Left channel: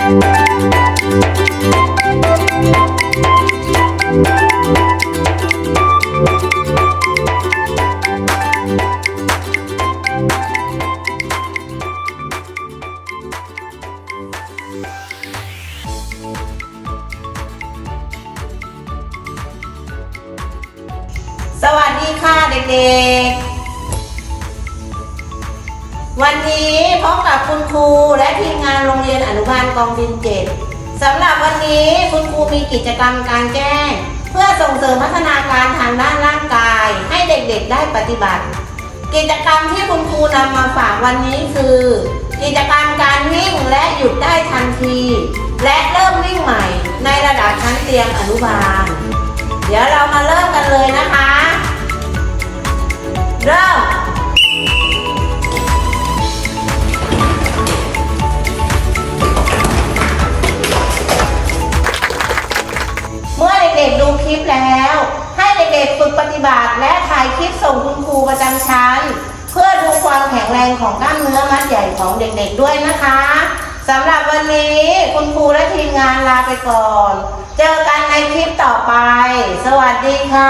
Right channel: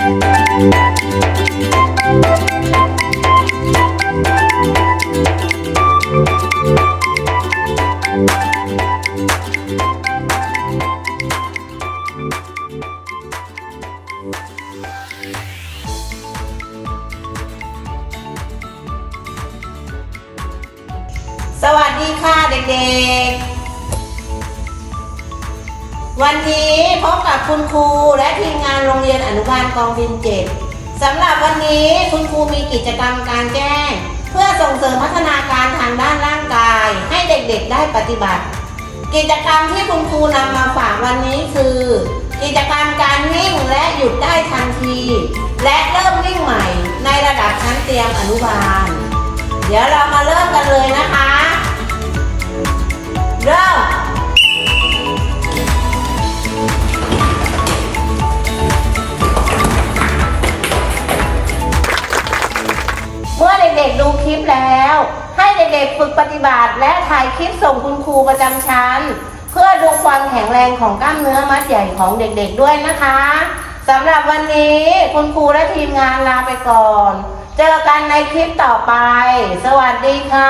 สวัสดีค่ะเด็กๆ วันนี้ พบกับคุณครูและทีมงานโรงเรียนอนุบาลกองบินเจ็ดสำหรับวันนี้คุณครูมีกิจกรรมการแจ้ง เพื่อส่งเสริมพัฒนาการทางด้านร่างกาย ให้เด็กๆได้ปฏิบัติ กิจกรรมที่คุณครูนำมาฝากวันนี้คือ กิจกรรมการวิ่งและหยุดได้ทันที และเริ่มวิ่งใหม่ในระดับชั้นเตรียมอนุบาล บาท และถ่ายคลิปส่งคุณครูประจำชั้น เพื่อดูความแข็งแรงของกล้ามเนื้อมัดใหญ่ของเด็กๆด้วยนะคะสำหรับวันนี้คุณครูและทีมงานลาไปก่อน เจอกันในคลิปต่อไป สวัสดีค่ะ